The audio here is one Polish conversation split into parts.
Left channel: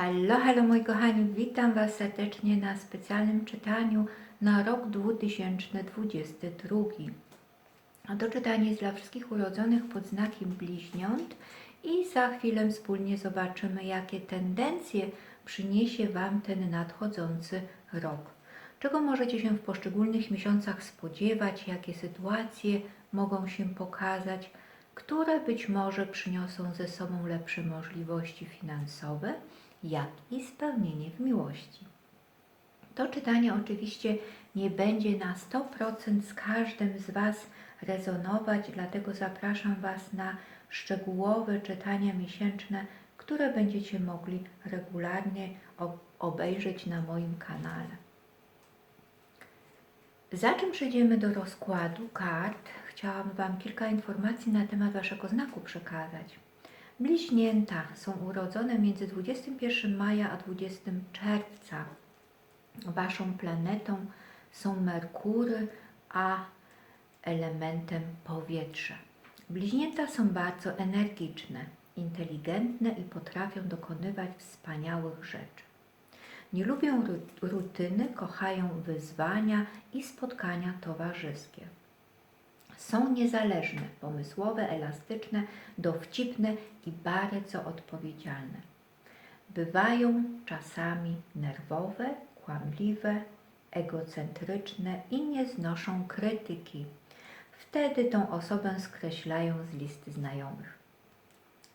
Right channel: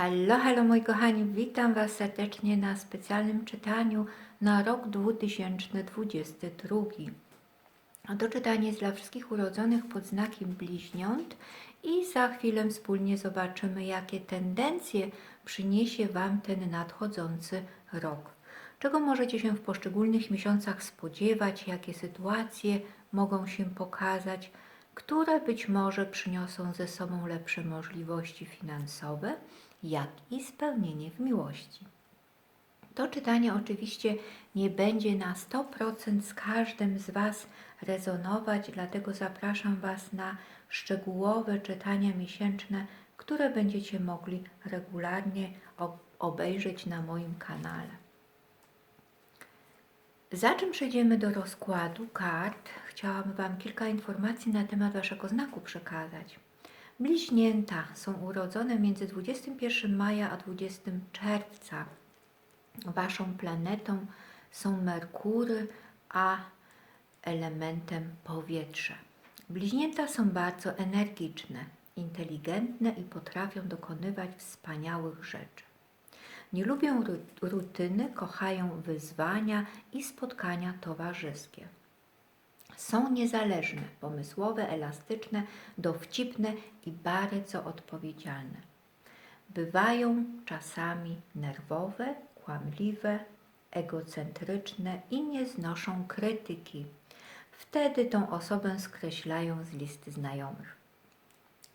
Hallo, hallo moi kochani, witam Was serdecznie na specjalnym czytaniu na rok 2022. A To czytanie jest dla wszystkich urodzonych pod znakiem bliźniąt i za chwilę wspólnie zobaczymy, jakie tendencje przyniesie Wam ten nadchodzący rok. Czego możecie się w poszczególnych miesiącach spodziewać, jakie sytuacje mogą się pokazać, które być może przyniosą ze sobą lepsze możliwości finansowe, jak i spełnienie w miłości. To czytanie oczywiście nie będzie na 100% z każdym z Was rezonować, dlatego zapraszam Was na szczegółowe czytania miesięczne, które będziecie mogli regularnie ob- obejrzeć na moim kanale. Zanim przejdziemy do rozkładu kart, chciałam Wam kilka informacji na temat Waszego znaku przekazać. Bliźnięta są urodzone między 21 maja a 20 czerwca. Waszą planetą są Merkury, a elementem powietrze. Bliźnięta są bardzo energiczne, inteligentne i potrafią dokonywać wspaniałych rzeczy. Nie lubią ru- rutyny, kochają wyzwania i spotkania towarzyskie. Są niezależne, pomysłowe, elastyczne, dowcipne i bardzo odpowiedzialne. Bywają czasami nerwowe, kłamliwe, egocentryczne i nie znoszą krytyki. Wtedy tą osobę skreślają z listy znajomych.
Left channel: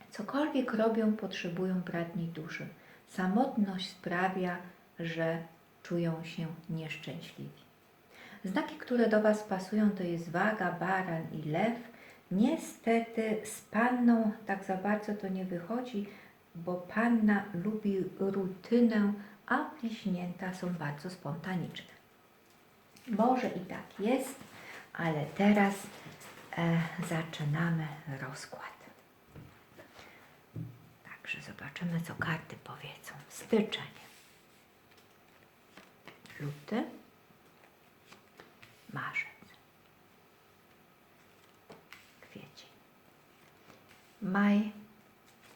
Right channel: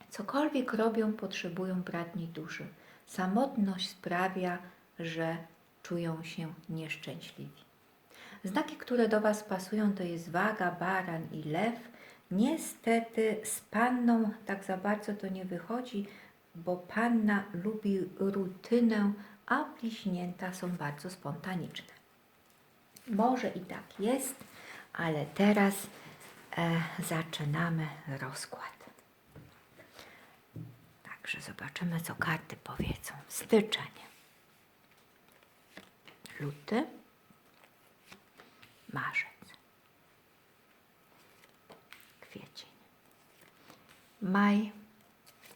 Cokolwiek robią, potrzebują bratniej duszy. Samotność sprawia, że czują się nieszczęśliwi. Znaki, które do Was pasują, to jest waga, baran i lew. Niestety z panną tak za bardzo to nie wychodzi, bo panna lubi rutynę, a bliźnięta są bardzo spontaniczne. Może i tak jest, ale teraz e, zaczynamy rozkład. Także zobaczymy, co karty powiedzą. Styczeń, luty, marzec, kwiecień, maj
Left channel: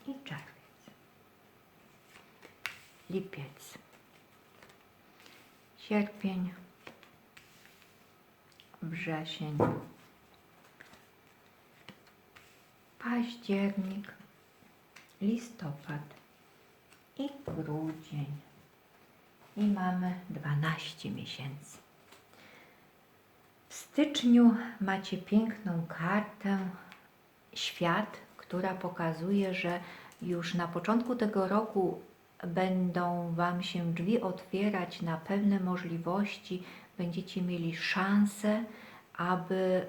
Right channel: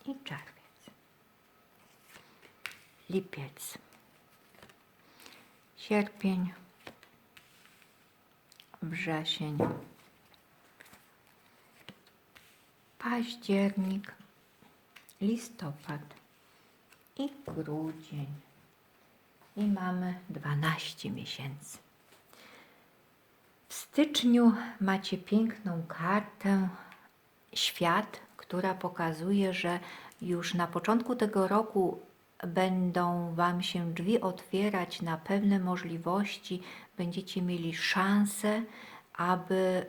i czerwiec, lipiec, sierpień, wrzesień, październik, listopad. I grudzień. I mamy 12 miesięcy. Styczniu macie piękną kartę Świat, która pokazuje, że już na początku tego roku będą Wam się drzwi otwierać na pewne możliwości, będziecie mieli szansę, aby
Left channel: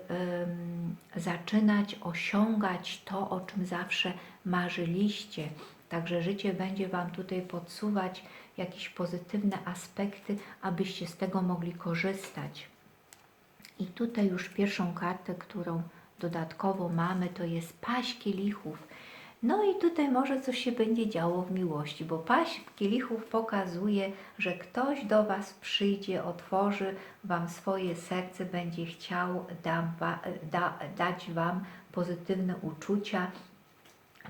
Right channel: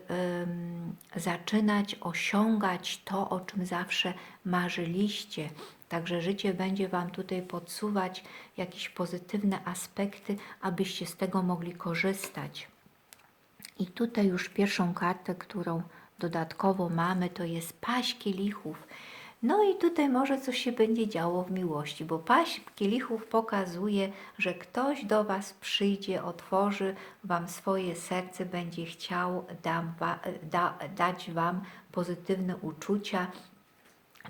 zaczynać osiągać to, o czym zawsze marzyliście. Także życie będzie Wam tutaj podsuwać jakieś pozytywne aspekty, abyście z tego mogli korzystać. I tutaj już pierwszą kartę, którą dodatkowo mamy, to jest paść kielichów. No i tutaj może coś się będzie działo w miłości, bo paść kielichów pokazuje, że ktoś do Was przyjdzie, otworzy Wam swoje serce, będzie chciał wa- da, dać Wam pozytywne uczucia.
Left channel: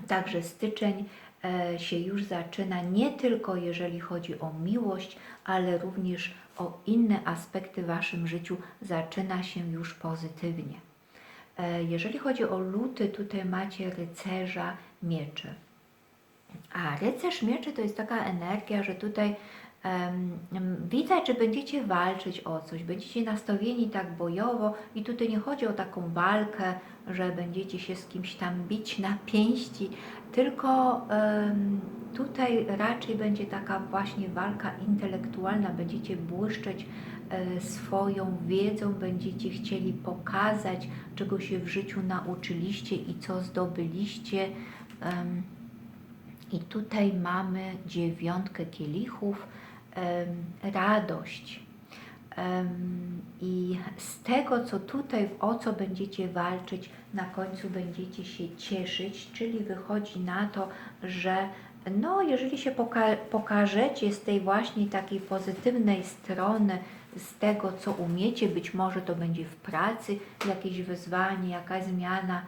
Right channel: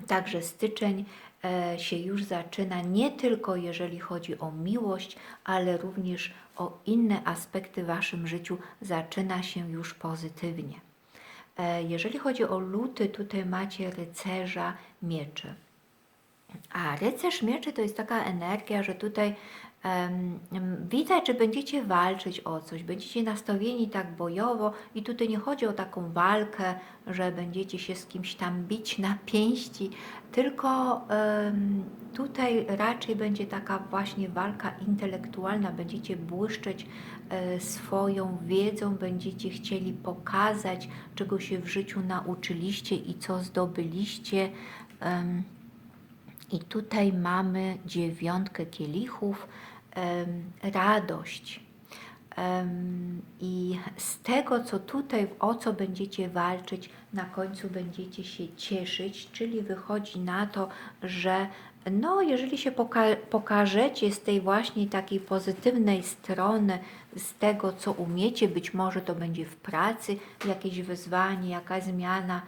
Także styczeń e, się już zaczyna nie tylko jeżeli chodzi o miłość, ale również o inne aspekty w Waszym życiu zaczyna się już pozytywnie. E, Jeżeli chodzi o luty, tutaj macie rycerza mieczy. A rycerz mieczy to jest taka energia, że tutaj em, widać, że będziecie walczyć o coś, będziecie nastawieni tak bojowo i tutaj nie chodzi o taką walkę, że będziecie się z kimś tam bić na pięści, tylko tutaj raczej będzie taka właśnie walka intelektualna, będziecie błyszczeć e, swoją wiedzą, będziecie chcieli pokazać, czego się w życiu nauczyliście i co zdobyliście. I tutaj mamy dziewiątkę kielichów, radość. I z tego, co tutaj, o co będziecie walczyć, na końcu będziecie się cieszyć, czyli wychodzi na to, że no, jeżeli się poka- pokażecie z tej właśnie takiej pozytywnej strony, z tego, co umiecie, być może to będzie w pracy jakieś wyzwanie, jakaś zmiana,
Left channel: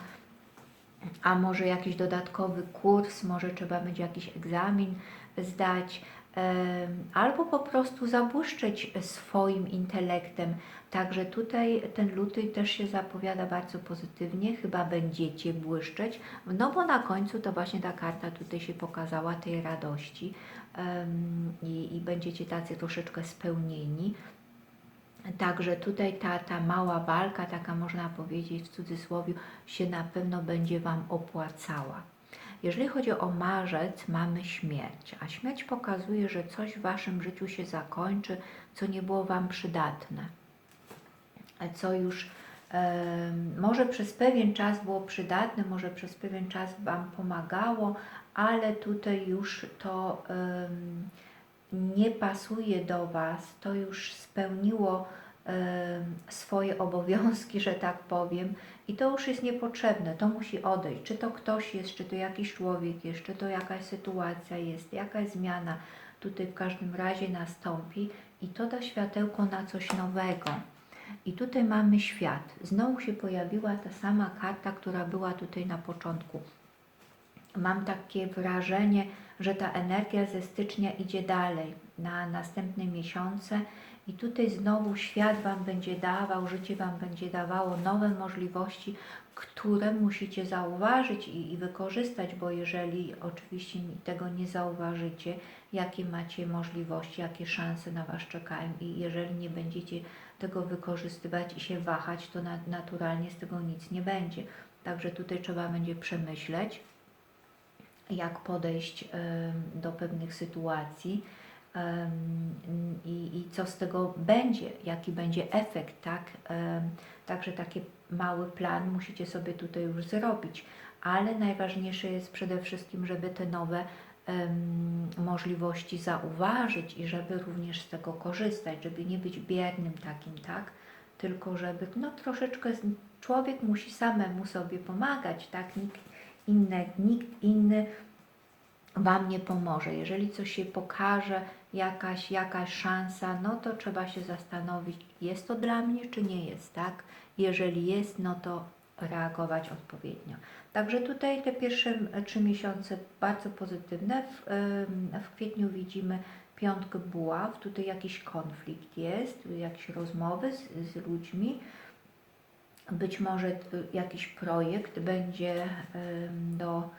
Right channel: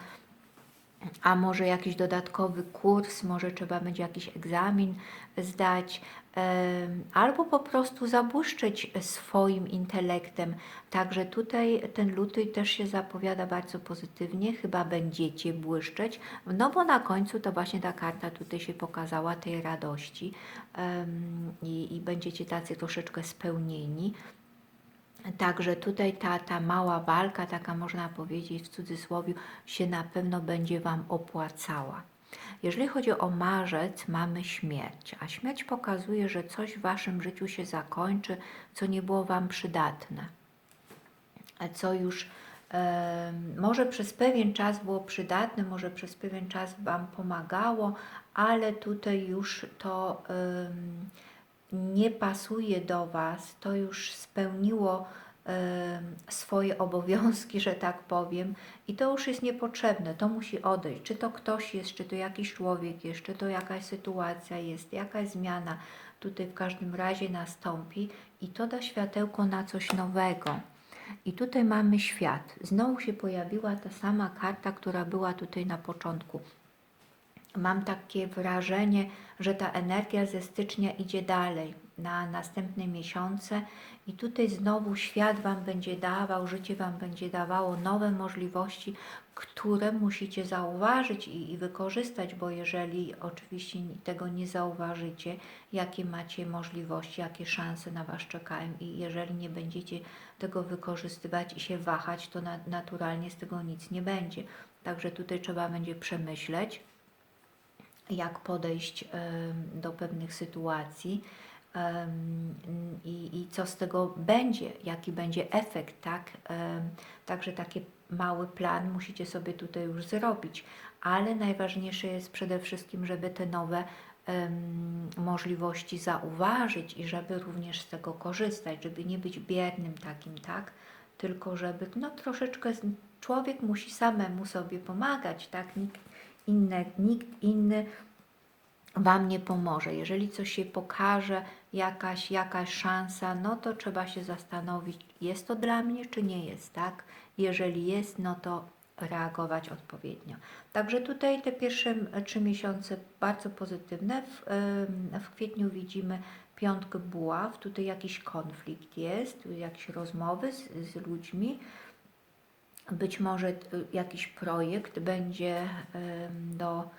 a może jakiś dodatkowy kurs, może trzeba będzie jakiś egzamin zdać, albo po prostu zabłyszczeć swoim intelektem. Także tutaj ten luty też się zapowiada bardzo pozytywnie, chyba będziecie błyszczeć, no bo na końcu to właśnie ta karta tutaj się pokazała tej radości i, i będziecie tacy troszeczkę spełnieni. Także tutaj ta, ta mała walka, taka można powiedzieć w cudzysłowie, się na pewno będzie Wam opłacała. Jeżeli chodzi o marzec, mamy śmierć, a śmierć pokazuje, że coś w Waszym życiu się zakończy, co nie było Wam przydatne, co już może przez pewien czas było przydatne, może przez pewien czas Wam pomagało, ale tutaj już to nie pasuje do Was, to już spełniło swoje obowiązki, że tak powiem, i to już jest niepotrzebne, to musi odejść. Czy to ktoś jest, czy to jakiś człowiek jest, czy to jakaś sytuacja jest, jakaś zmiana tutaj w każdym razie nastąpi i to da światełko na coś nowego. I tutaj mamy świat. Znowu się pojawiła ta sama karta, która była tutaj na początku. Mam takie wrażenie, że ta energia ze stycznia idzie dalej na następne miesiące i tutaj znowu świat Wam będzie dawał, życie Wam będzie dawało nowe możliwości, które musicie zauważyć i, i wykorzystać, bo jeżeli oczywiście tego nie zauważycie, jakie macie możliwości, jakie szanse na Was czekają i jeżeli nie będziecie tego wykorzystywać i się wahać, to na, naturalnie z tego nic nie będzie. Także tutaj trzeba będzie przemyśleć, jak podejść em, do pewnych sytuacji i, i co z tego będzie, jaki będzie efekt, tak? Także taki mały plan musicie sobie tutaj już zrobić, ale najważniejsze jest przede wszystkim, żeby te nowe możliwości zauważyć i żeby również z tego korzystać, żeby nie być biernym takim, tak? Tylko żeby, no troszeczkę, człowiek musi samemu sobie pomagać, tak? Nikt inny, nikt inny Wam nie pomoże. Jeżeli coś się pokaże, jakaś, jakaś szansa, no to trzeba się zastanowić, jest to dla mnie, czy nie jest, tak? Jeżeli jest, no to reagować odpowiednio. Także tutaj te pierwsze trzy miesiące bardzo pozytywne. W, w kwietniu widzimy piątkę buław, tutaj jakiś konflikt jest, jakieś rozmowy z, z ludźmi. Być może y, jakiś projekt będzie do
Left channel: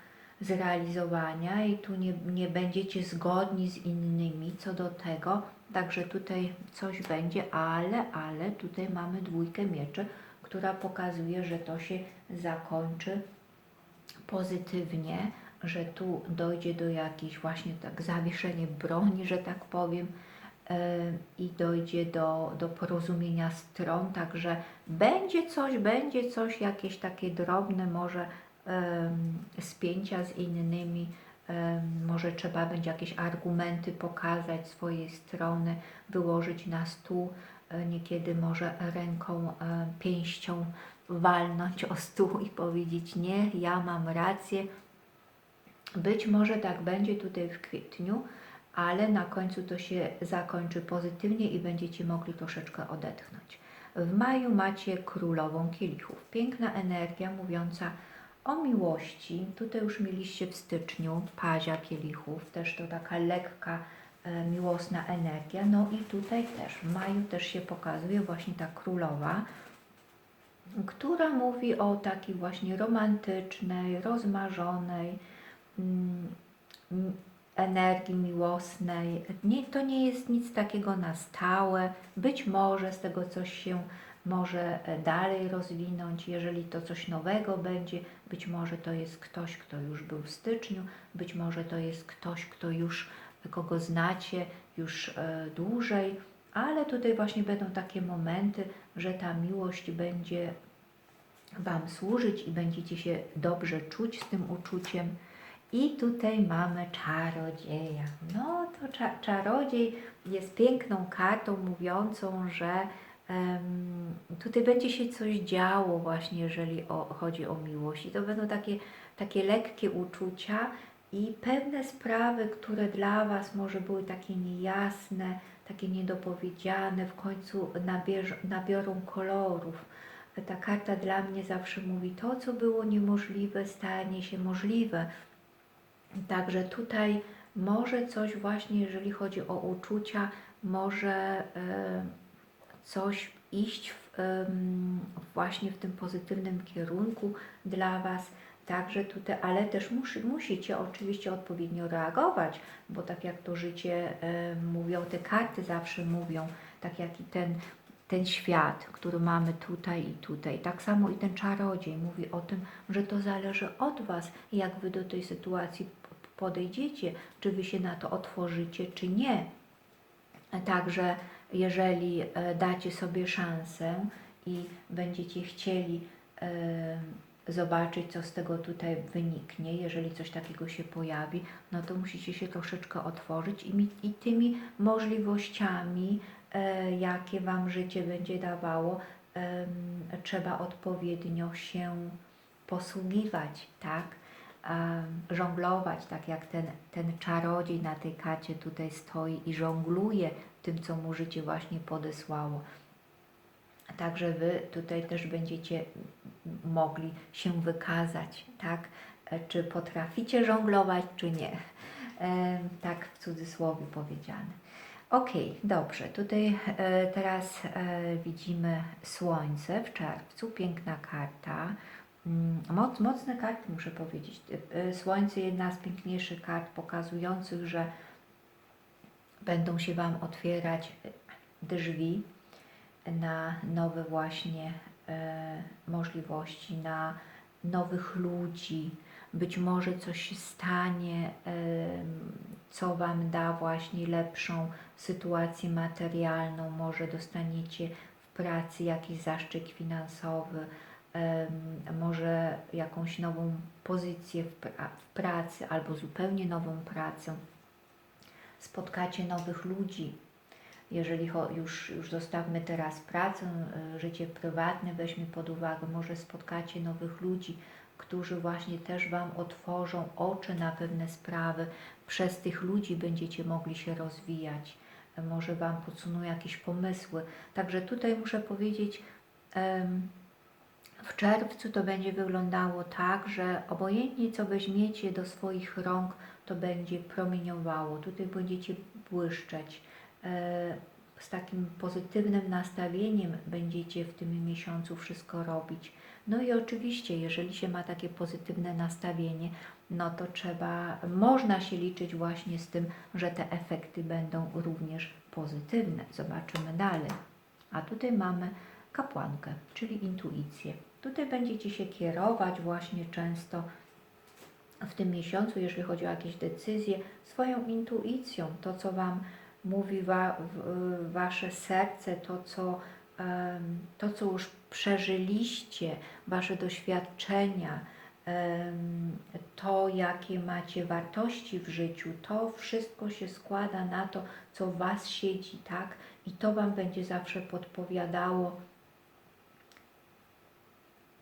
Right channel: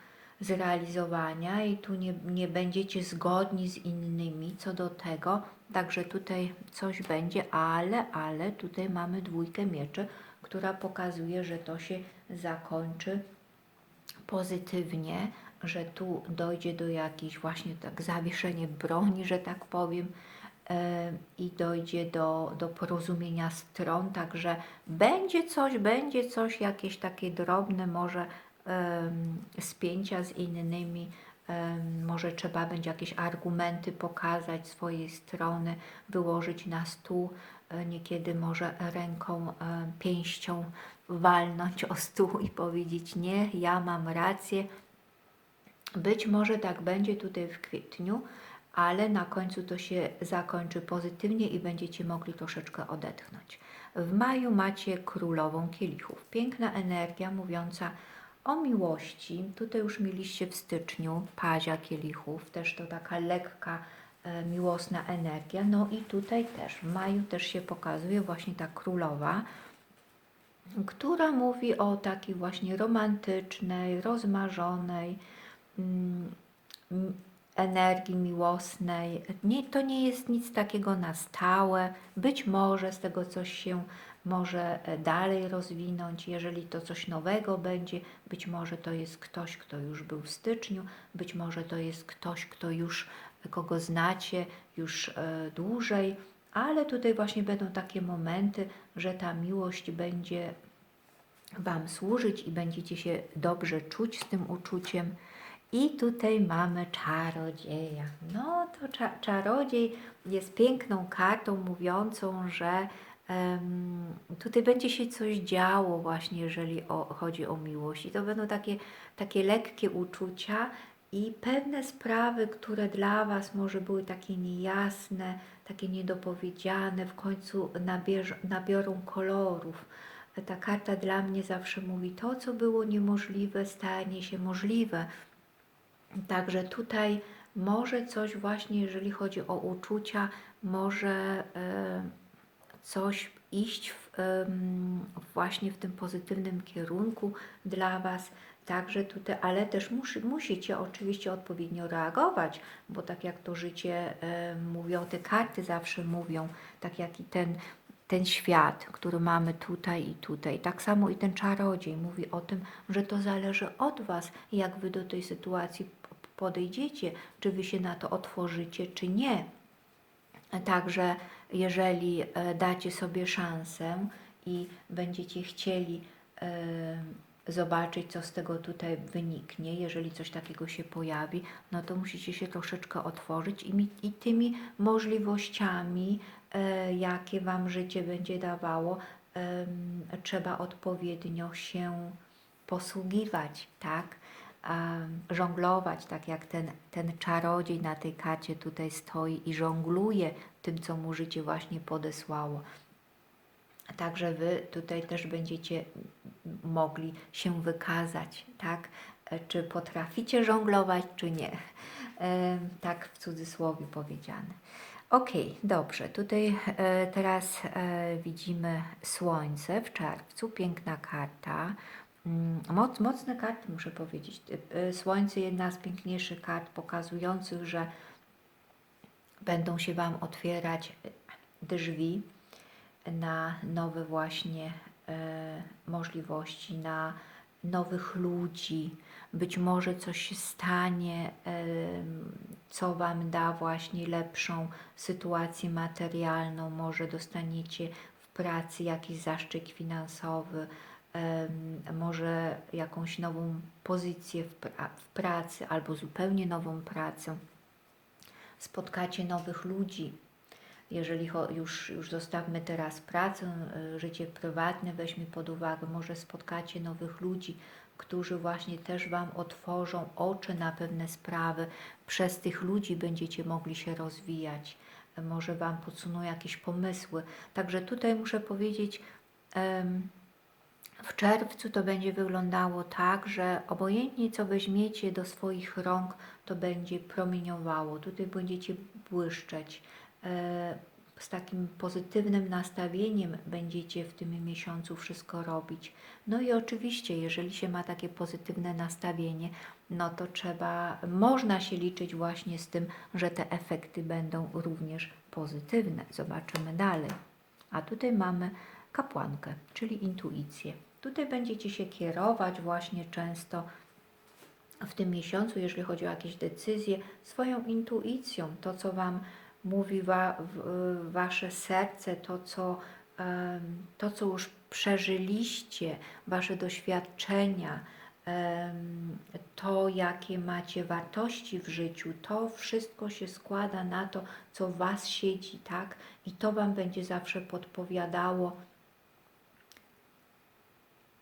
zrealizowania i tu nie, nie będziecie zgodni z innymi co do tego, także tutaj coś będzie, ale, ale tutaj mamy dwójkę mieczy, która pokazuje, że to się zakończy pozytywnie, że tu dojdzie do jakiejś właśnie tak zawieszenie broni, że tak powiem, e, i dojdzie do, do porozumienia stron, także będzie coś, będzie coś, jakieś takie drobne może spięcia z innymi, może trzeba będzie jakieś argumenty pokazać swojej strony, wyłożyć na stół, e, niekiedy może ręką, e, pięścią walnąć o stół i powiedzieć nie, ja mam rację. Być może tak będzie tutaj w kwietniu, ale na końcu to się zakończy pozytywnie i będziecie mogli troszeczkę odetchnąć. W maju macie królową kielichów. Piękna energia mówiąca o miłości. Tutaj już mieliście w styczniu pazia kielichów, też to taka lekka, e, miłosna energia. No i tutaj też, w maju też się pokazuje właśnie ta królowa, która mówi o takiej właśnie romantycznej, rozmarzonej mm, energii miłosnej. Nie, to nie jest nic takiego na stałe. Być może z tego coś się może e, dalej rozwinąć, jeżeli to coś nowego będzie. Być może to jest ktoś, kto już był w styczniu, być może to jest ktoś, kto już, kogo znacie już e, dłużej, ale tutaj właśnie będą takie momenty, że ta miłość będzie Wam służyć i będziecie się dobrze czuć z tym uczuciem. I tutaj mamy czarodzieja. No to cza czarodziej jest piękną kartą mówiącą, że tutaj będzie się coś działo właśnie, jeżeli o, chodzi o miłość. I to będą takie, takie lekkie uczucia i pewne sprawy, które dla Was może były takie niejasne, takie niedopowiedziane, w końcu nabierz, nabiorą kolorów. Ta karta dla mnie zawsze mówi, to co było niemożliwe stanie się możliwe. Także tutaj może coś właśnie, jeżeli chodzi o uczucia, może e, coś iść w, właśnie w tym pozytywnym kierunku dla Was. Także tutaj, ale też musi, musicie oczywiście odpowiednio reagować, bo tak jak to życie mówią, te karty zawsze mówią, tak jak i ten, ten świat, który mamy tutaj i tutaj. Tak samo i ten czarodziej mówi o tym, że to zależy od Was, jak Wy do tej sytuacji podejdziecie, czy Wy się na to otworzycie, czy nie. Także jeżeli e, dacie sobie szansę i będziecie chcieli e, zobaczyć, co z tego tutaj wyniknie, jeżeli coś takiego się pojawi, no to musicie się troszeczkę otworzyć i, i tymi możliwościami, e, jakie Wam życie będzie dawało, trzeba odpowiednio się posługiwać, tak? Żonglować, tak jak ten, ten czarodziej na tej karcie tutaj stoi i żongluje tym, co mu życie właśnie podesłało. Także Wy tutaj też będziecie mogli się wykazać, tak? E, Czy potraficie żonglować, czy nie. E, Tak w cudzysłowie powiedziane. Ok, dobrze. Tutaj e, teraz widzimy Słońce w czerwcu. Piękna karta. Mm, Moc, mocne karty, muszę powiedzieć. E, e, Słońce jedna z piękniejszych kart pokazujących, że będą się Wam otwierać e, drzwi na nowe właśnie e, możliwości, na nowych ludzi. Być może coś się stanie, em, co Wam da właśnie lepszą sytuację materialną. Może dostaniecie w pracy jakiś zaszczyt finansowy, może jakąś nową pozycję w, pra- w pracy albo zupełnie nową pracę. Spotkacie nowych ludzi, jeżeli już, już zostawmy teraz pracę, y, życie prywatne weźmy pod uwagę, może spotkacie nowych ludzi, którzy właśnie też Wam otworzą oczy na pewne sprawy. Przez tych ludzi będziecie mogli się rozwijać, e, może Wam podsuną jakieś pomysły. Także tutaj muszę powiedzieć, em, w czerwcu to będzie wyglądało tak, że obojętnie co weźmiecie do swoich rąk, to będzie promieniowało. Tutaj będziecie błyszczeć. E, Z takim pozytywnym nastawieniem będziecie w tym miesiącu wszystko robić. No i oczywiście, jeżeli się ma takie pozytywne nastawienie, no to trzeba, można się liczyć właśnie z tym, że te efekty będą również pozytywne. Zobaczymy dalej. A tutaj mamy kapłankę, czyli intuicję. Tutaj będziecie się kierować właśnie często w tym miesiącu, jeżeli chodzi o jakieś decyzje, swoją intuicją, to co Wam mówi wa, w, Wasze serce, to co, to co już przeżyliście, Wasze doświadczenia, to jakie macie wartości w życiu, to wszystko się składa na to, co Was siedzi, tak? I to Wam będzie zawsze podpowiadało,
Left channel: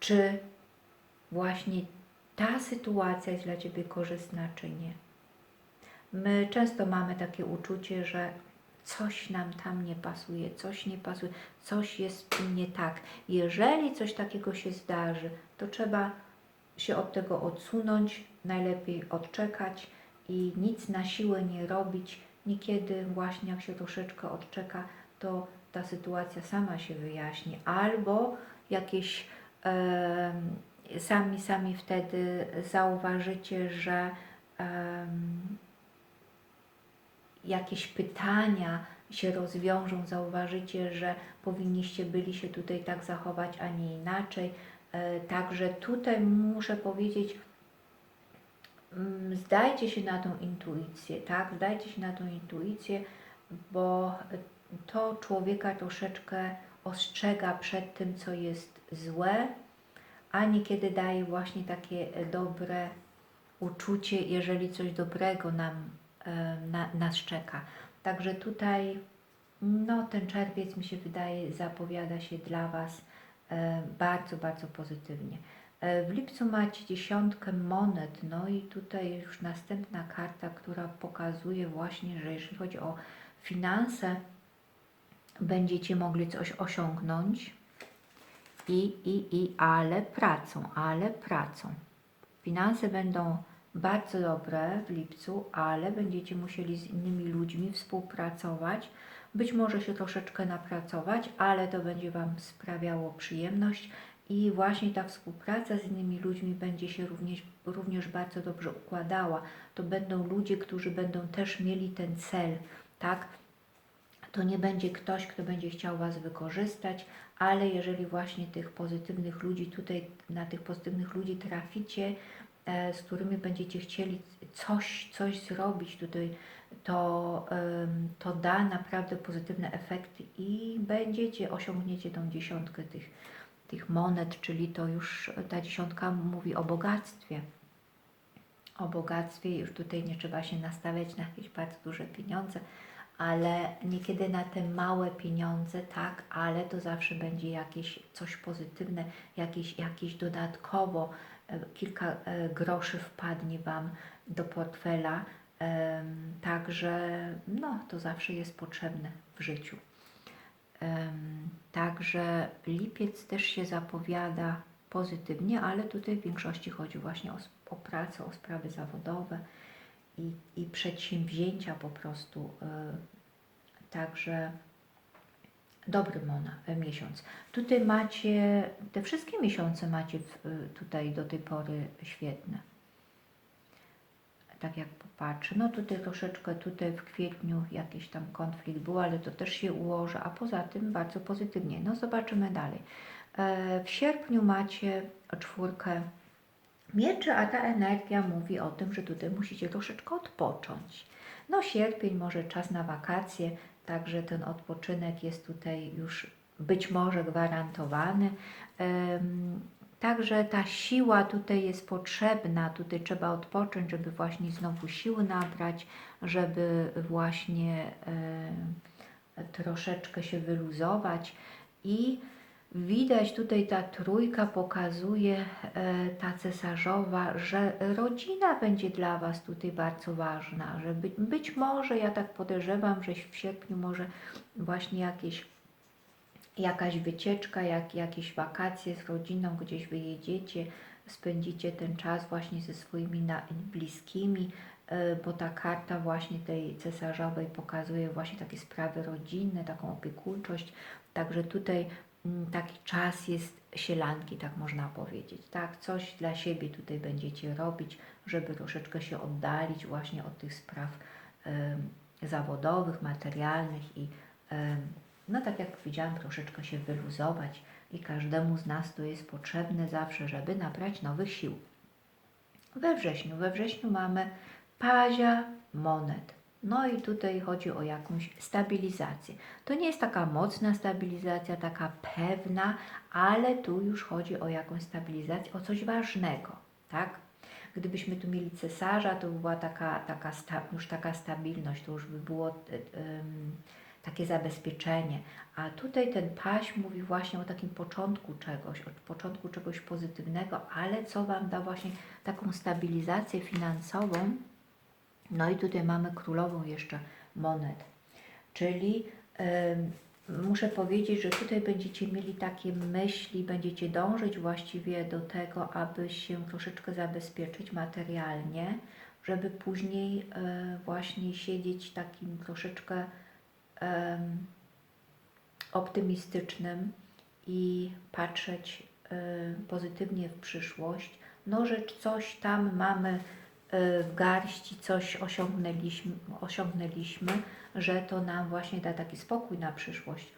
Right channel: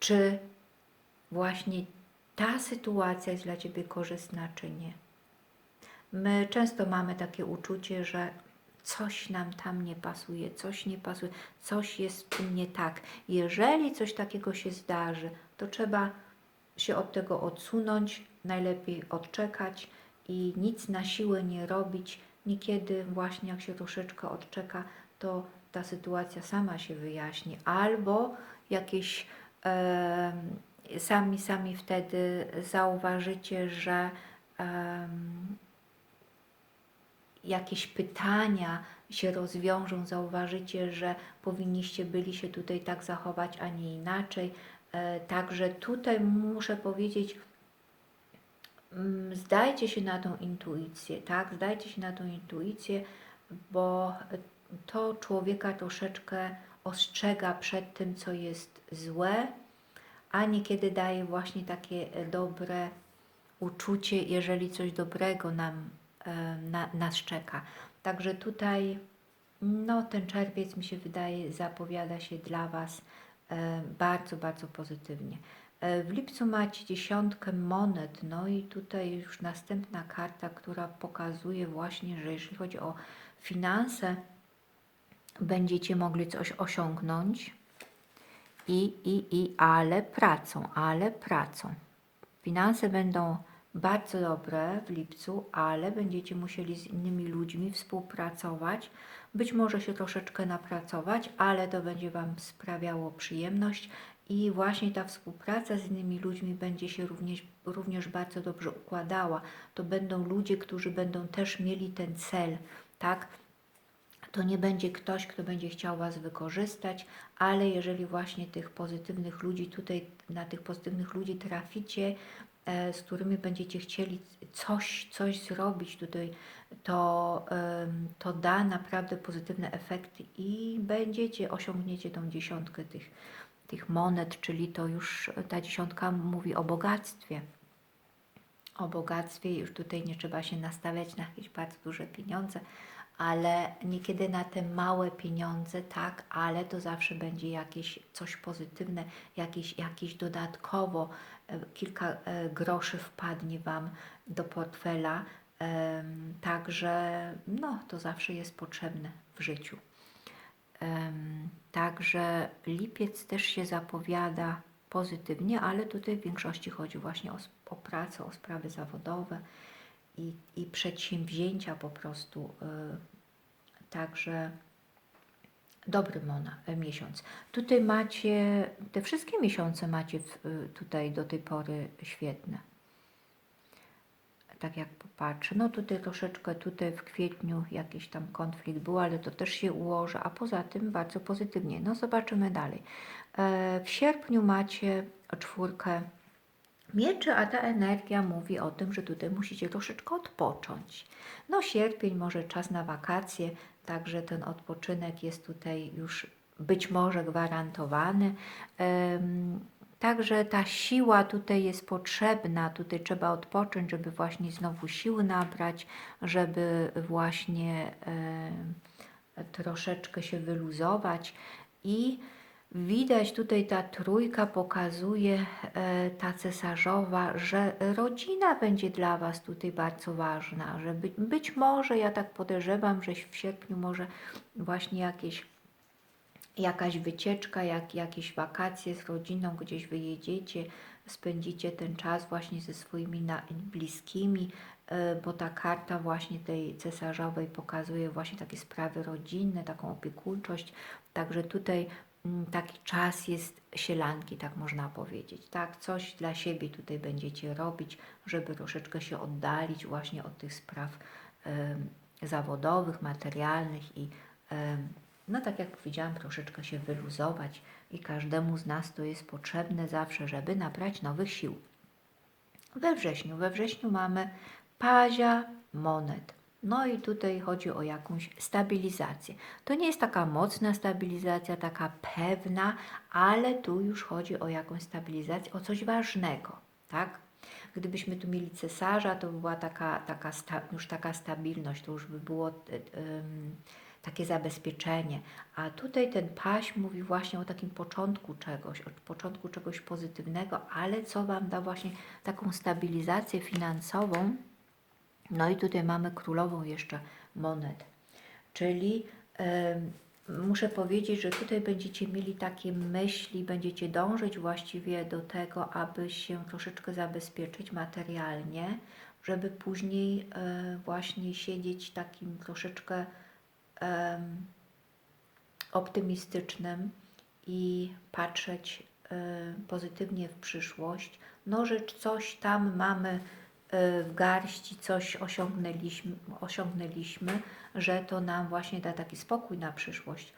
czy właśnie ta sytuacja jest dla Ciebie korzystna, czy nie. My często mamy takie uczucie, że coś nam tam nie pasuje, coś nie pasuje, coś jest nie tak. Jeżeli coś takiego się zdarzy, to trzeba się od tego odsunąć, najlepiej odczekać i nic na siłę nie robić. Niekiedy właśnie jak się troszeczkę odczeka, to ta sytuacja sama się wyjaśni, albo jakieś sami, sami wtedy zauważycie, że jakieś pytania się rozwiążą, zauważycie, że powinniście byli się tutaj tak zachować, a nie inaczej. E, Także tutaj muszę powiedzieć, mm, zdajcie się na tą intuicję, tak? Zdajcie się na tą intuicję, bo to człowieka troszeczkę ostrzega przed tym, co jest złe, a niekiedy daje właśnie takie e, dobre uczucie, jeżeli coś dobrego nam e, na, nas czeka. Także tutaj no, ten czerwiec mi się wydaje zapowiada się dla Was e, bardzo, bardzo pozytywnie. W lipcu macie dziesiątkę monet, no i tutaj już następna karta, która pokazuje właśnie, że jeżeli chodzi o finanse, będziecie mogli coś osiągnąć i, i, i, ale pracą, ale pracą. Finanse będą bardzo dobre w lipcu, ale będziecie musieli z innymi ludźmi współpracować. Być może się troszeczkę napracować, ale to będzie Wam sprawiało przyjemność i właśnie ta współpraca z innymi ludźmi będzie się również, również bardzo dobrze układała. To będą ludzie, którzy będą też mieli ten cel, tak? To nie będzie ktoś, kto będzie chciał Was wykorzystać, ale jeżeli właśnie tych pozytywnych ludzi tutaj, na tych pozytywnych ludzi traficie, e, z którymi będziecie chcieli coś, coś zrobić tutaj, to, to da naprawdę pozytywne efekty i będziecie, osiągniecie tą dziesiątkę tych, tych monet, czyli to już ta dziesiątka mówi o bogactwie. O bogactwie już tutaj nie trzeba się nastawiać na jakieś bardzo duże pieniądze, ale niekiedy na te małe pieniądze, tak, ale to zawsze będzie jakieś coś pozytywne, jakieś, jakieś dodatkowo e, kilka e, groszy wpadnie Wam do portfela, także no, to zawsze jest potrzebne w życiu. Także lipiec też się zapowiada pozytywnie, ale tutaj w większości chodzi właśnie o, o pracę, o sprawy zawodowe i, i przedsięwzięcia po prostu. y, Także dobry mona, y, miesiąc. Tutaj macie, te wszystkie miesiące macie w, y, tutaj do tej pory świetne. Tak jak popatrzę, no tutaj troszeczkę, tutaj w kwietniu jakiś tam konflikt był, ale to też się ułoży, a poza tym bardzo pozytywnie. No zobaczymy dalej. E, W sierpniu macie czwórkę mieczy, a ta energia mówi o tym, że tutaj musicie troszeczkę odpocząć. No sierpień, może czas na wakacje, także ten odpoczynek jest tutaj już być może gwarantowany. Także ta siła tutaj jest potrzebna, tutaj trzeba odpocząć, żeby właśnie znowu siły nabrać, żeby właśnie troszeczkę się wyluzować i Widać tutaj ta trójka pokazuje, e, ta cesarzowa, że rodzina będzie dla Was tutaj bardzo ważna, że być, być może, ja tak podejrzewam, że w sierpniu może właśnie jakieś, jakaś wycieczka, jak, jakieś wakacje z rodziną, gdzieś wyjedziecie, spędzicie ten czas właśnie ze swoimi bliskimi, e, bo ta karta właśnie tej cesarzowej pokazuje właśnie takie sprawy rodzinne, taką opiekuńczość, także tutaj taki czas jest sielanki, tak można powiedzieć, tak? Coś dla siebie tutaj będziecie robić, żeby troszeczkę się oddalić właśnie od tych spraw em, zawodowych, materialnych i em, no tak jak powiedziałam, troszeczkę się wyluzować i każdemu z nas to jest potrzebne zawsze, żeby nabrać nowych sił. We wrześniu, we wrześniu mamy pazia monet. No i tutaj chodzi o jakąś stabilizację. To nie jest taka mocna stabilizacja, taka pewna, ale tu już chodzi o jakąś stabilizację, o coś ważnego, tak? Gdybyśmy tu mieli cesarza, to by była taka, taka sta, już taka stabilność, to już by było e, em, takie zabezpieczenie. A tutaj ten paś mówi właśnie o takim początku czegoś, o początku czegoś pozytywnego, ale co Wam da właśnie taką stabilizację finansową. No i tutaj mamy królową jeszcze monet, czyli em, muszę powiedzieć, że tutaj będziecie mieli takie myśli, będziecie dążyć właściwie do tego, aby się troszeczkę zabezpieczyć materialnie, żeby później e, właśnie siedzieć takim troszeczkę em, optymistycznym i patrzeć e, pozytywnie w przyszłość. No, że coś tam mamy w garści, coś osiągnęliśmy, osiągnęliśmy, że to nam właśnie da taki spokój na przyszłość.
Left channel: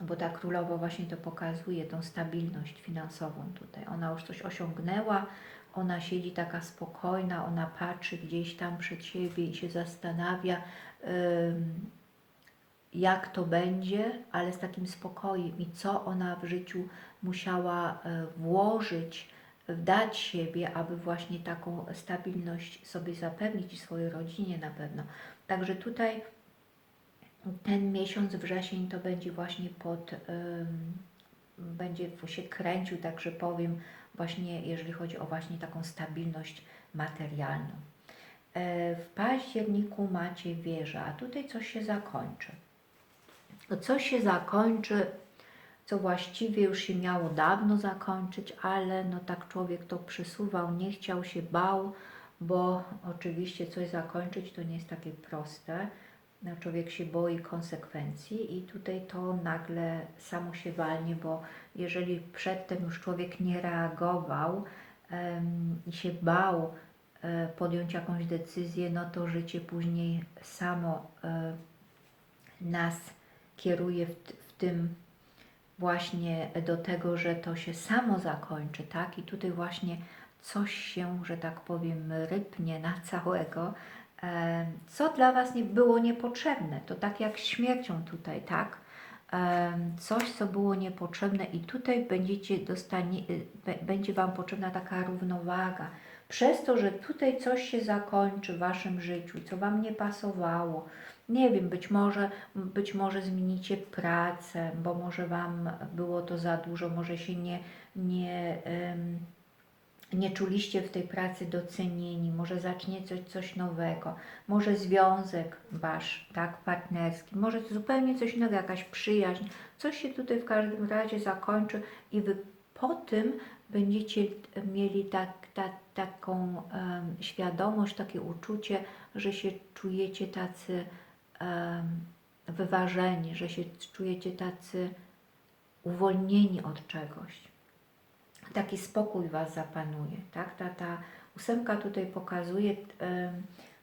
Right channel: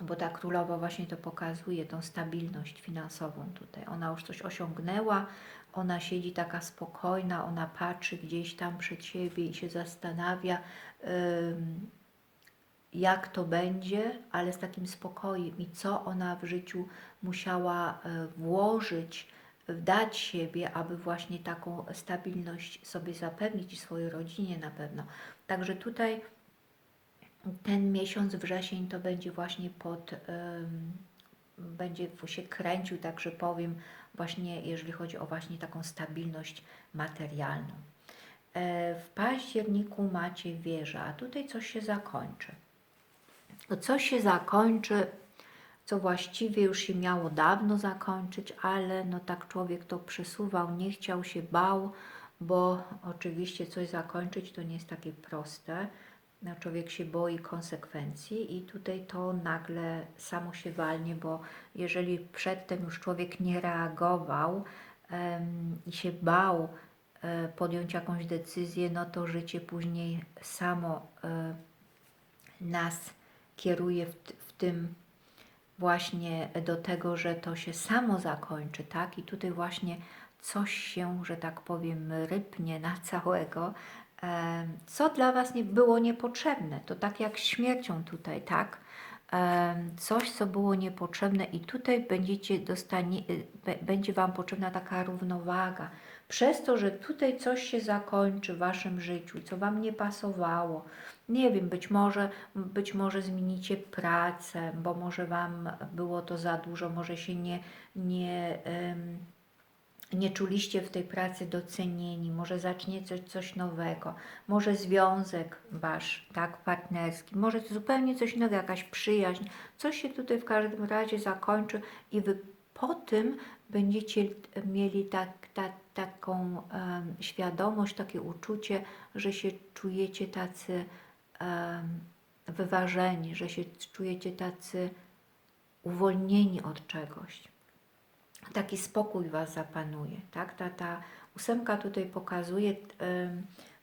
Bo ta królowa właśnie to pokazuje, tą stabilność finansową tutaj. Ona już coś osiągnęła, ona siedzi taka spokojna, ona patrzy gdzieś tam przed siebie i się zastanawia, jak to będzie, ale z takim spokojem i co ona w życiu musiała e, włożyć, dać siebie, aby właśnie taką stabilność sobie zapewnić i swojej rodzinie na pewno. Także tutaj ten miesiąc wrzesień to będzie właśnie pod, będzie się kręcił, tak że powiem, właśnie jeżeli chodzi o właśnie taką stabilność materialną. E, W październiku macie wieżę, a tutaj coś się zakończy. Coś się zakończy, co właściwie już się miało dawno zakończyć, ale no tak człowiek to przesuwał, nie chciał się, bał, bo oczywiście coś zakończyć to nie jest takie proste. No, Człowiek się boi konsekwencji i tutaj to nagle samo się walnie, bo jeżeli przedtem już człowiek nie reagował i się bał e, podjąć jakąś decyzję, no to życie później samo e, nas kieruje w, w tym właśnie do tego, że to się samo zakończy, tak? I tutaj właśnie coś się, że tak powiem, rypnie na całego, co dla Was nie było niepotrzebne. To tak jak śmiercią tutaj, tak? Coś, co było niepotrzebne i tutaj będziecie dostanie, y, będzie Wam potrzebna taka równowaga. Przez to, że tutaj coś się zakończy w Waszym życiu, co Wam nie pasowało, nie wiem, być może, być może zmienicie pracę, bo może Wam było to za dużo, może się nie, nie, nie czuliście w tej pracy docenieni, może zacznie coś, coś nowego, może związek Wasz, tak, partnerski, może zupełnie coś nowego, jakaś przyjaźń, coś się tutaj w każdym razie zakończy i Wy po tym będziecie mieli tak, tak, taką em, świadomość, takie uczucie, że się czujecie tacy wyważeni, że się czujecie tacy uwolnieni od czegoś. Taki spokój Was zapanuje, tak? Ta, ta ósemka tutaj pokazuje,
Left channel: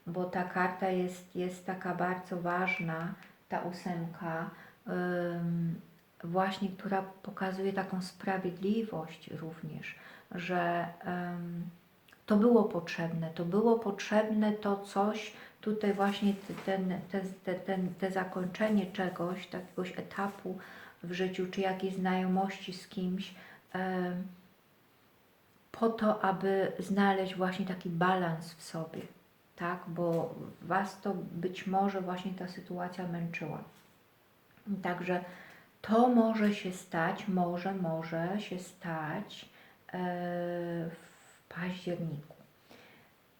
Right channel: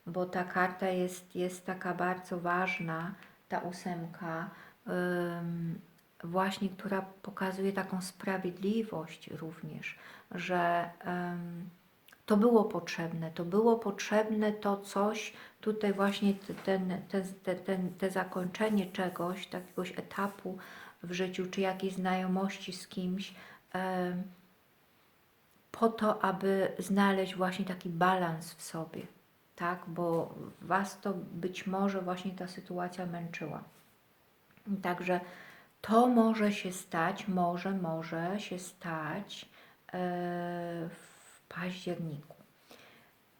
bo ta karta jest, jest taka bardzo ważna, ta ósemka, em, właśnie, która pokazuje taką sprawiedliwość również, że to było potrzebne, to było potrzebne to coś, tutaj właśnie ten, te, te, ten, te zakończenie czegoś, takiegoś etapu w życiu, czy jakiejś znajomości z kimś, po to, aby znaleźć właśnie taki balans w sobie, tak? Bo Was to być może właśnie ta sytuacja męczyła. Także to może się stać, może, może się stać e, w październiku.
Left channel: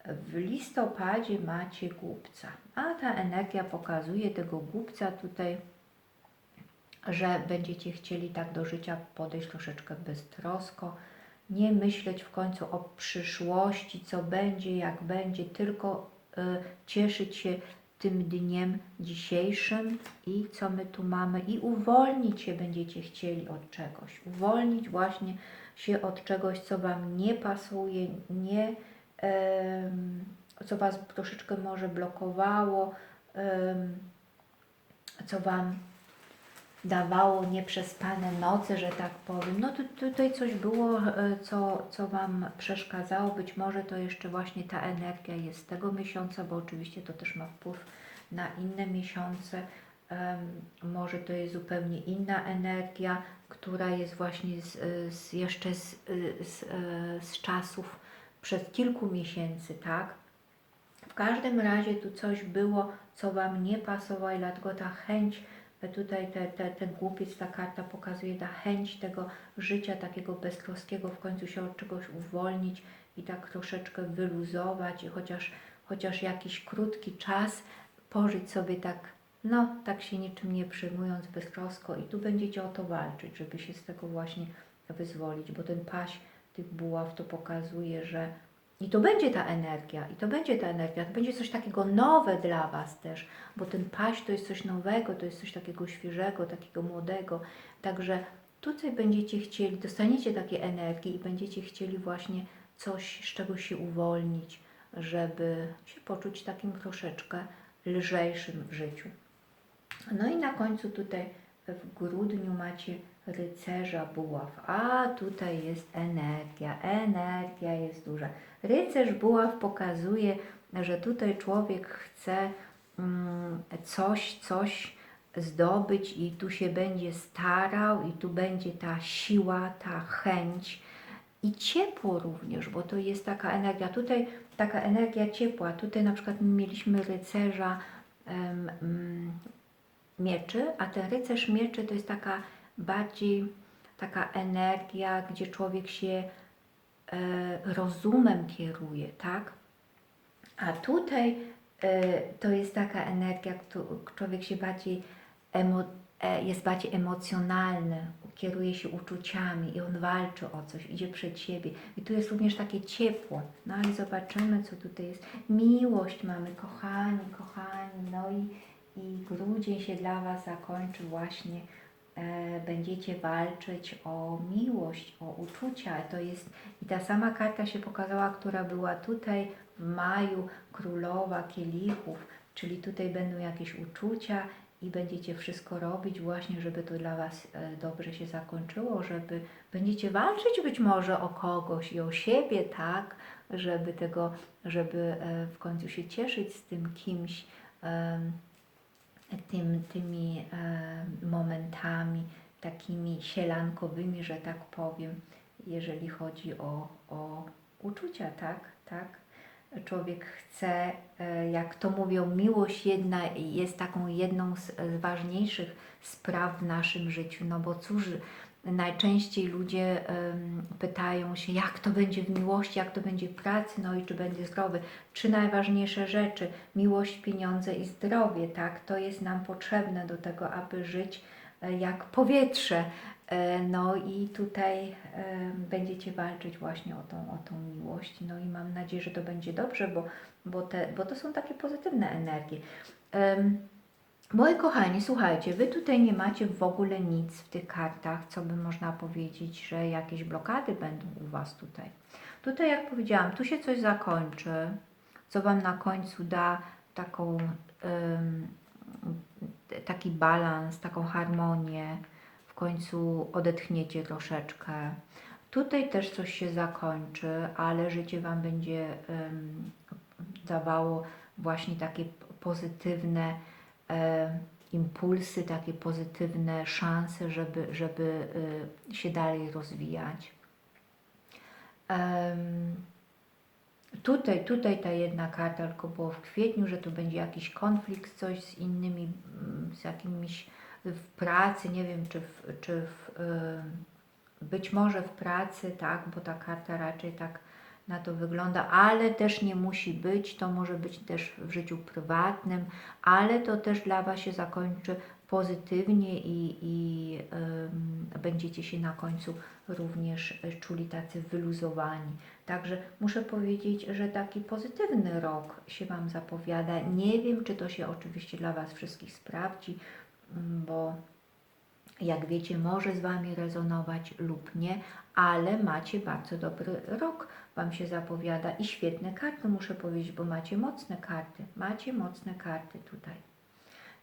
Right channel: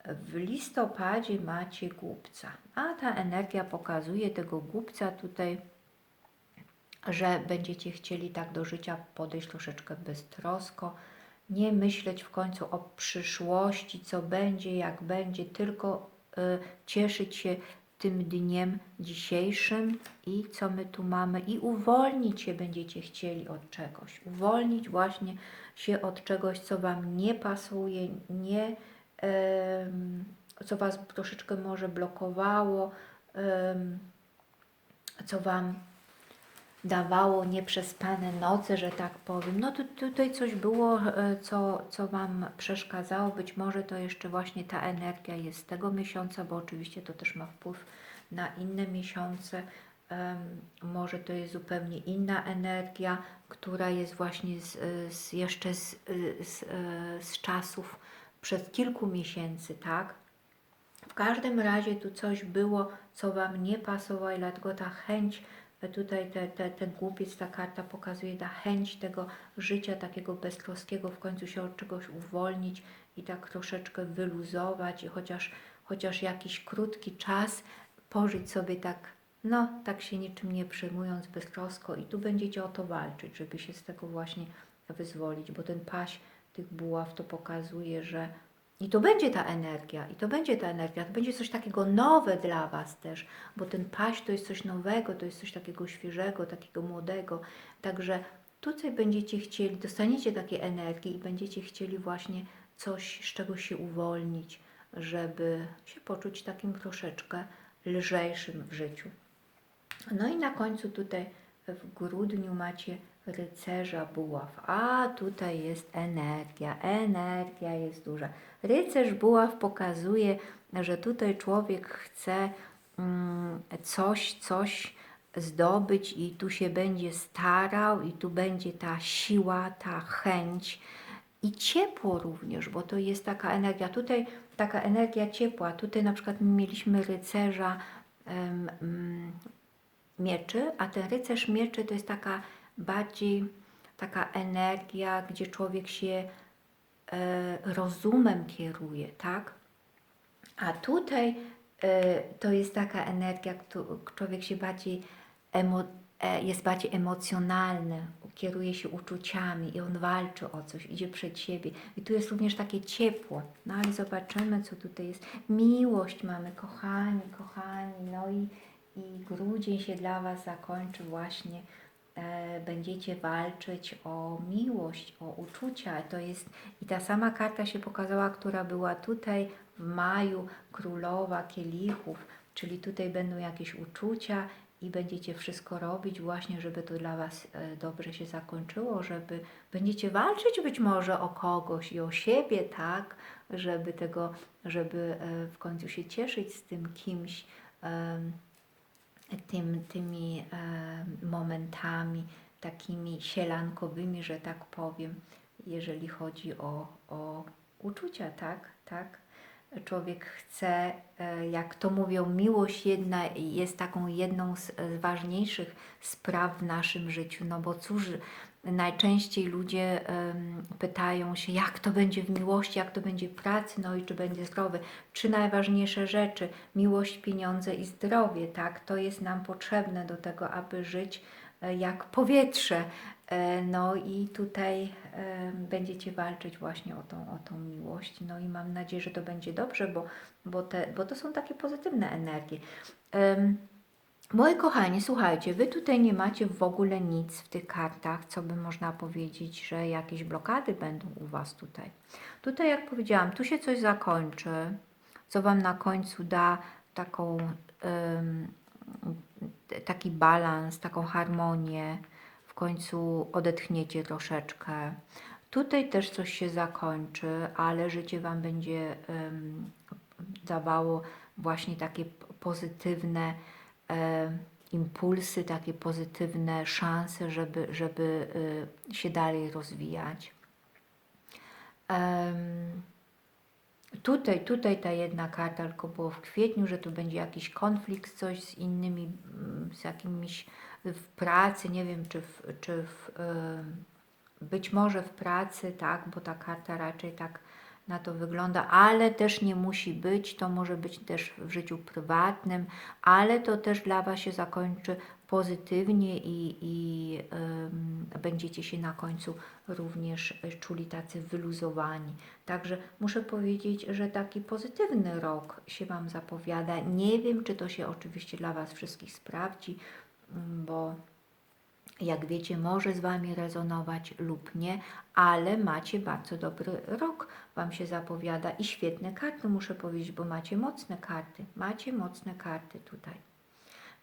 W listopadzie macie głupca, a ta energia pokazuje tego głupca tutaj, że będziecie chcieli tak do życia podejść troszeczkę beztrosko, nie myśleć w końcu o przyszłości, co będzie, jak będzie, tylko y, cieszyć się tym dniem dzisiejszym i co my tu mamy. I uwolnić się będziecie chcieli od czegoś, uwolnić właśnie się od czegoś, co Wam nie pasuje, nie, co Was troszeczkę może blokowało, co Wam dawało nieprzespane noce, że tak powiem. No tu, tutaj coś było, e, co, co Wam przeszkadzało. Być może to jeszcze właśnie ta energia jest z tego miesiąca, bo oczywiście to też ma wpływ na inne miesiące. Może to jest zupełnie inna energia, która jest właśnie z, z jeszcze z, z, e, z czasów przed kilku miesięcy, tak? W każdym razie tu coś było, co Wam nie pasowało i dlatego ta chęć, e, tutaj te, te, ten głupiec, ta karta pokazuje ta chęć tego życia takiego beztroskiego, w końcu się od czegoś uwolnić i tak troszeczkę wyluzować i chociaż, chociaż jakiś krótki czas pożyć sobie tak, no tak się niczym nie przejmując beztrosko i tu będziecie o to walczyć, żeby się z tego właśnie wyzwolić, bo ten paś tych buław to pokazuje, że i to będzie ta energia, i to będzie ta energia, to będzie coś takiego nowe dla Was też, bo ten paść to jest coś nowego, to jest coś takiego świeżego, takiego młodego. Także tutaj będziecie chcieli, dostaniecie takiej energii i będziecie chcieli właśnie coś, z czego się uwolnić, żeby się poczuć takim troszeczkę lżejszym w życiu. No i na końcu tutaj w grudniu macie rycerza buław. A tutaj jest energia, energia jest duża. Rycerz buław pokazuje, że tutaj człowiek chce mm, coś, coś zdobyć i tu się będzie starał i tu będzie ta siła, ta chęć i ciepło również, bo to jest taka energia. Tutaj taka energia ciepła. Tutaj na przykład mieliśmy rycerza mm, mieczy, a ten rycerz mieczy to jest taka bardziej taka energia, gdzie człowiek się e, rozumem kieruje, tak? A tutaj e, to jest taka energia, człowiek się bardziej e, jest bardziej emocjonalny, kieruje się uczuciami i on walczy o coś, idzie przed siebie. I tu jest również takie ciepło. No ale zobaczymy, co tutaj jest. Miłość mamy, kochani, kochani. No i, i grudzień się dla Was zakończy właśnie. E, będziecie walczyć o miłość, o uczucia. To jest i ta sama karta się pokazała, która była tutaj w maju, królowa kielichów, czyli tutaj będą jakieś uczucia i będziecie wszystko robić właśnie, żeby to dla Was e, dobrze się zakończyło, żeby będziecie walczyć być może o kogoś i o siebie, tak, żeby tego, żeby e, w końcu się cieszyć z tym kimś, tym, tymi momentami takimi sielankowymi, że tak powiem, jeżeli chodzi o, o uczucia, tak, tak. Człowiek chce, e, jak to mówią, miłość jedna jest taką jedną z, z ważniejszych spraw w naszym życiu, no bo cóż, najczęściej ludzie pytają się, jak to będzie w miłości, jak to będzie w pracy, no i czy będzie zdrowy. Trzy najważniejsze rzeczy, miłość, pieniądze i zdrowie, tak, to jest nam potrzebne do tego, aby żyć e, jak powietrze. E, No i tutaj będziecie walczyć właśnie o tą, o tą miłość. No i mam nadzieję, że to będzie dobrze, bo, bo, te, bo to są takie pozytywne energie. Em, Moi kochani, słuchajcie, wy tutaj nie macie w ogóle nic w tych kartach, co by można powiedzieć, że jakieś blokady będą u was tutaj. Tutaj, jak powiedziałam, tu się coś zakończy, co wam na końcu da taką, taki balans, taką harmonię. W końcu odetchniecie troszeczkę. Tutaj też coś się zakończy, ale życie wam będzie dawało właśnie takie pozytywne impulsy, takie pozytywne szanse, żeby, żeby e, się dalej rozwijać. Tutaj, tutaj ta jedna karta tylko było w kwietniu, że tu będzie jakiś konflikt, coś z innymi, mm, z jakimiś w pracy, nie wiem, czy w, czy w em, być może w pracy, tak, bo ta karta raczej tak na to wygląda, ale też nie musi być, to może być też w życiu prywatnym, ale to też dla Was się zakończy pozytywnie i, i będziecie się na końcu również czuli tacy wyluzowani. Także muszę powiedzieć, że taki pozytywny rok się Wam zapowiada. Nie wiem, czy to się oczywiście dla Was wszystkich sprawdzi, mm, bo jak wiecie, może z Wami rezonować lub nie, ale macie bardzo dobry rok, Wam się zapowiada i świetne karty, muszę powiedzieć, bo macie mocne karty, macie mocne karty tutaj.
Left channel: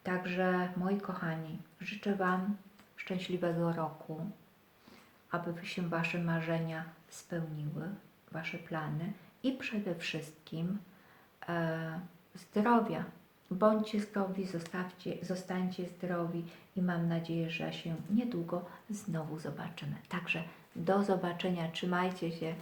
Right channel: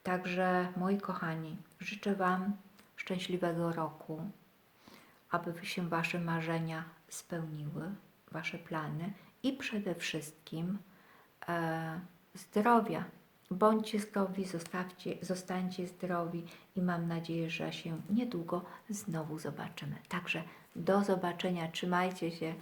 Także moi kochani, życzę Wam szczęśliwego roku, aby się Wasze marzenia spełniły, Wasze plany i przede wszystkim e, zdrowia. Bądźcie zdrowi, zostawcie, zostańcie zdrowi i mam nadzieję, że się niedługo znowu zobaczymy. Także do zobaczenia, trzymajcie się.